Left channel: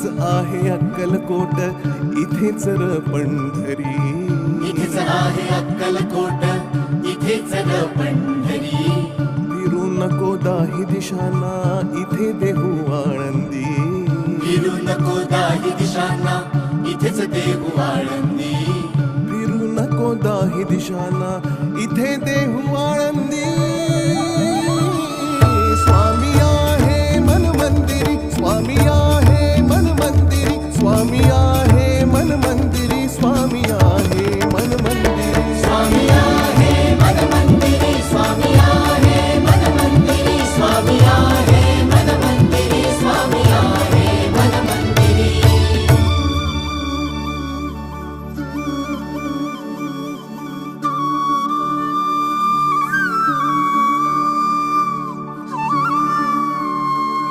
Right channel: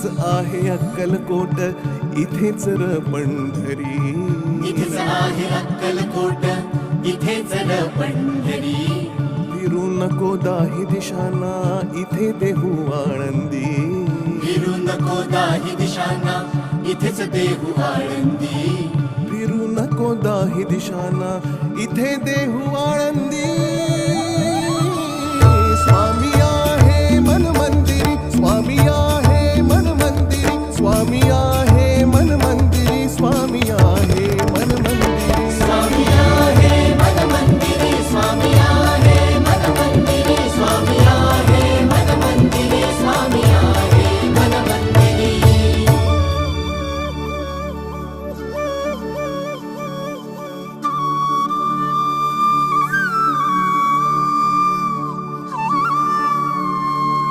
इथेच आहे अक्कलकोट, इथेच र पंढरी. इथेच आहे अक्कलकोट, इथेच र पंढरी. फिरू नको दाही दिशांना, इथे देहू आळंदी. फिरू नको दाही दिशांना, इथेच देहू आळंदी. फिरू नको दाही दिशांना, इथे देहू आळंदी. स्वामी आहे मन मंदिरी, स्वामी आहे मन मंदिरी, स्वामी आहे